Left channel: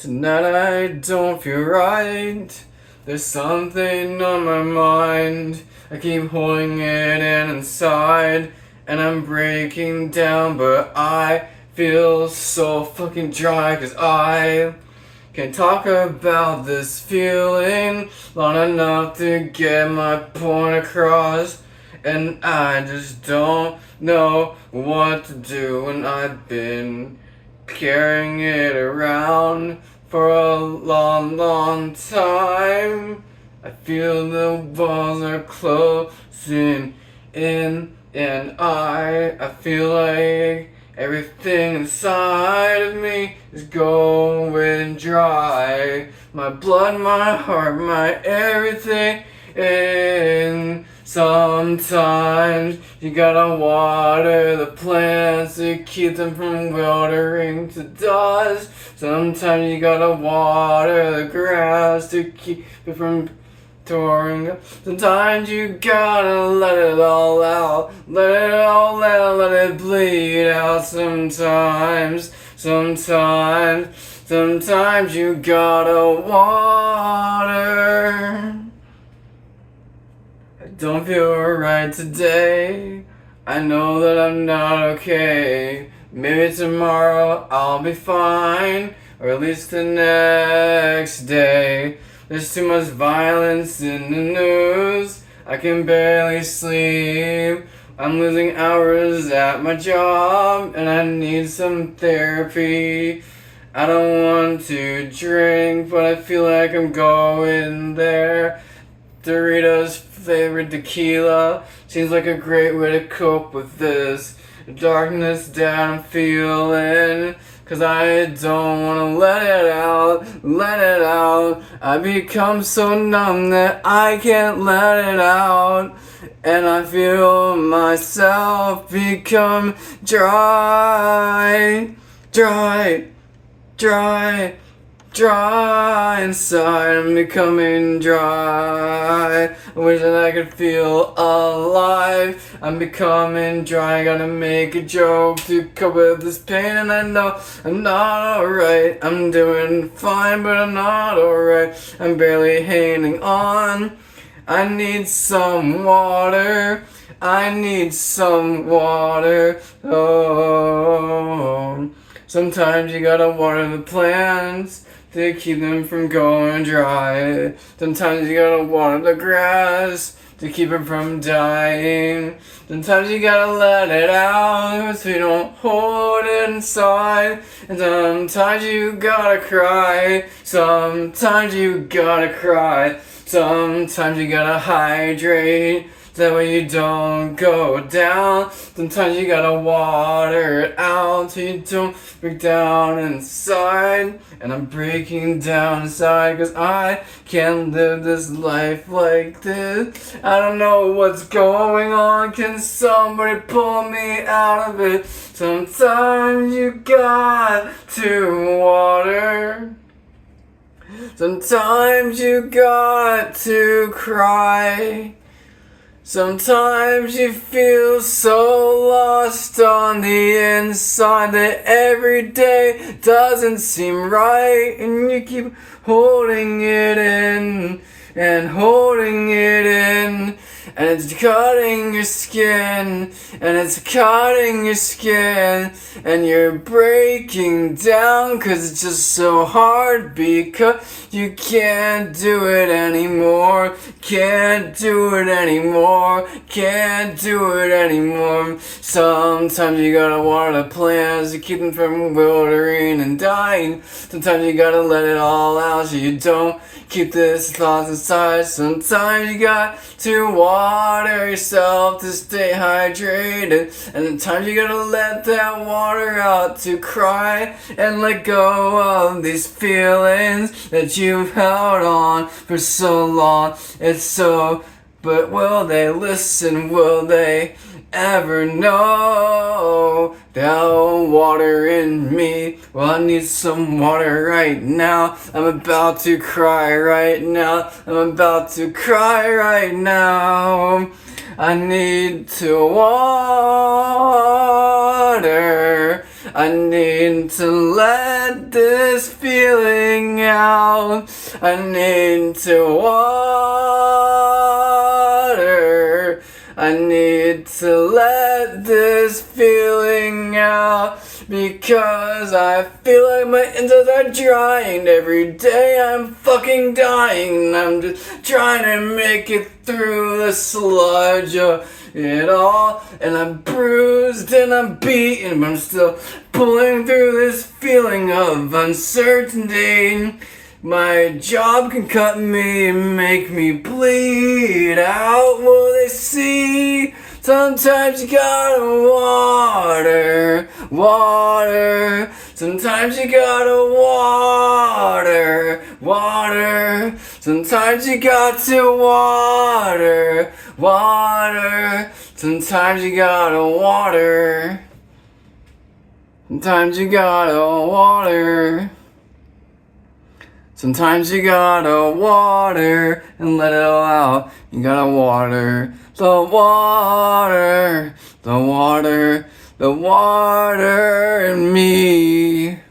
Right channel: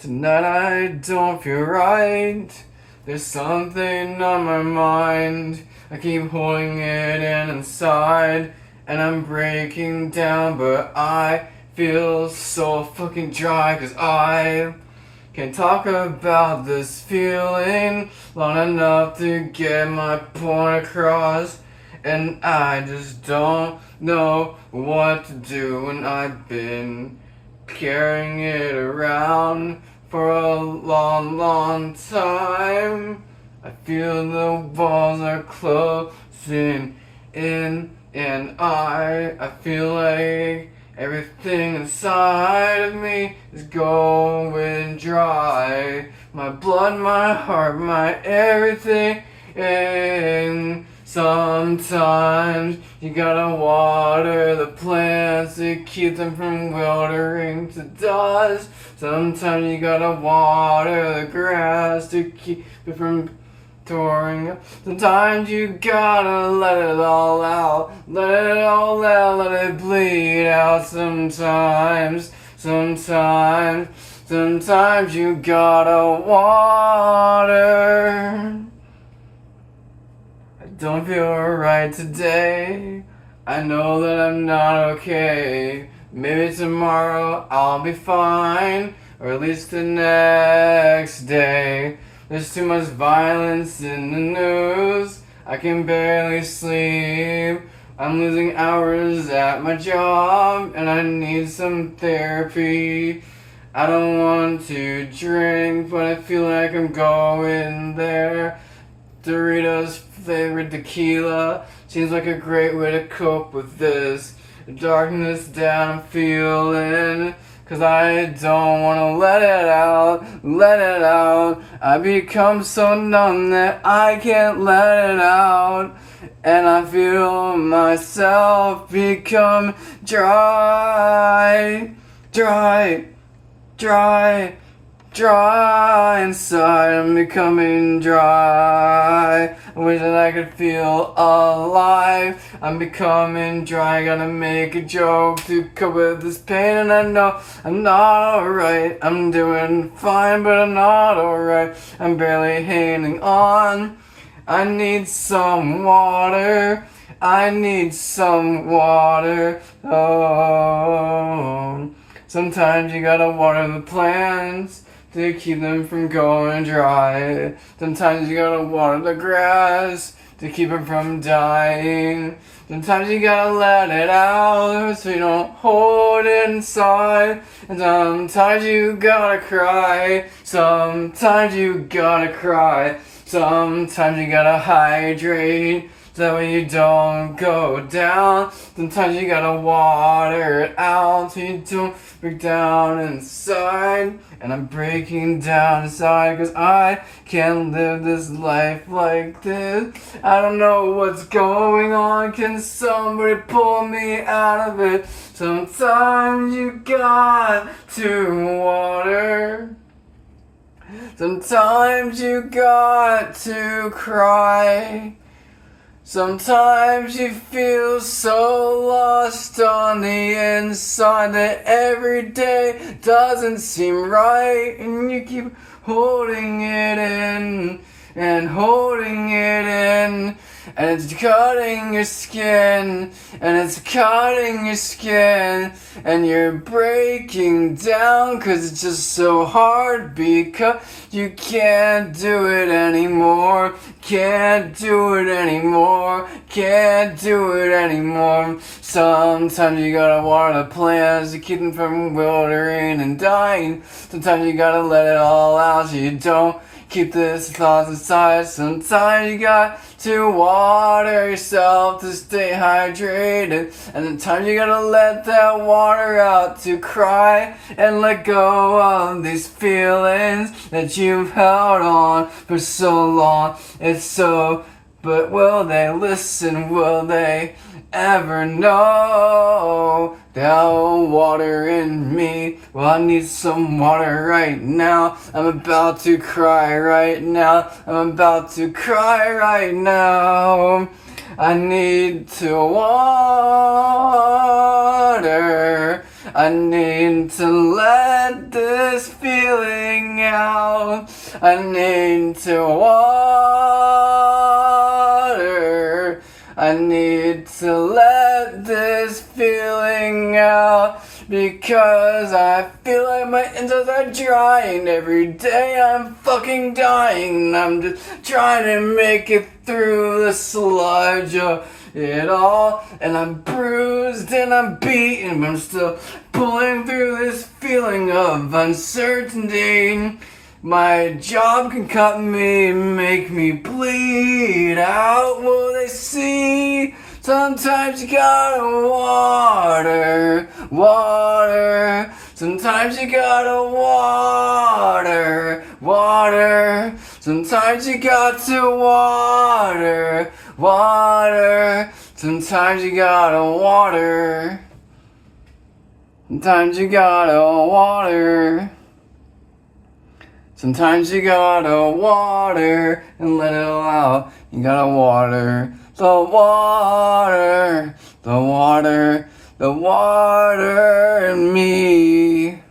Tonight I don't feel right. There's something on my mind. I keep holding it in inside, and I'm breaking down, but I feel so fucking dry, 'cause I can't talk about this feeling long enough to get my point across. And I just don't know what to do, and I've been carrying it around for a long, long time. I feel the walls are closing in, and I feel like everything inside of me is going dry. My blood, my heart, my everything. And sometimes you gotta water the plants to keep them from withering to dust. Sometimes you gotta water the grass to keep it from touring up. Sometimes you gotta let it all out, let it all out, let it bleed out. Sometimes you gotta water. I don't feel right today. I know that I'm not okay. Maybe tomorrow I'll be fine, or at least the next day. There's too much violence in the news. I can barely sleep. I'm losing hours at my job, and I need some therapy. I don't want to drink, but I feel like I'm going there. Doritos flavored tequila seems like a great way to cope with this darkness that I'm feeling. 'Cause I don't wanna let it out, let it out. I become so numb that I can't let it out. And I feel myself become dry, dry, dry, dry inside. I'm becoming dry. I wish that I could feel alive. I'm becoming dry. Gotta make a joke to cope with this pain, and I know I'm not alright. I'm doing fine, but I'm not alright. I'm barely hanging on. I need some water. I need some water. Oh, sometimes you gotta water the plants to keep them from going dry. Sometimes you gotta water the grass to keep it from dying. Sometimes you gotta let it out so you don't hold it inside. And sometimes you gotta cry. Sometimes you gotta cry. Sometimes you gotta hydrate, that way you don't go down. Sometimes you gotta water it out so you don't break down inside. And I'm breaking down inside, 'cause I can't live this life like this. I don't know what's going on, can somebody pull me out of it? Sometimes you got to water. Sometimes you got to cry. Sometimes you feel so lost on the inside that every day doesn't seem right, and you keep holding it in and holding it in, and it's cutting your skin, and it's cutting your skin, and you're breaking down 'cause it's just so hard, because you can't do it anymore, can't do it anymore, can't do it anymore. Sometimes you gotta water the plants to keep them from withering and dying. Sometimes you gotta let it all out so you don't keep this thoughts inside. Sometimes you got to water yourself to stay hydrated. And at times you gotta let that water out to cry and let go of these feelings that you've held on for so long. It's so, but will they listen? Will they ever know? They'll water in me. Well, I need some water right now. I'm about to cry right now. I'm about to cry right now. I need to water. I need to let this feeling out. I need to water. I need to let this feeling out because I feel like my insides are drying. Every day I'm fucking dying. I'm just trying to make it through the sludge of it all. And I'm bruised and I'm beaten, but I'm still pulling through this feeling of uncertainty. My job can cut me and make me bleed out. Will they see? Sometimes you gotta water. Sometimes you gotta water. Sometimes you got to water. Sometimes you gotta water. Sometimes you gotta water. Sometimes you gotta water and let it all out. You gotta water the water in me.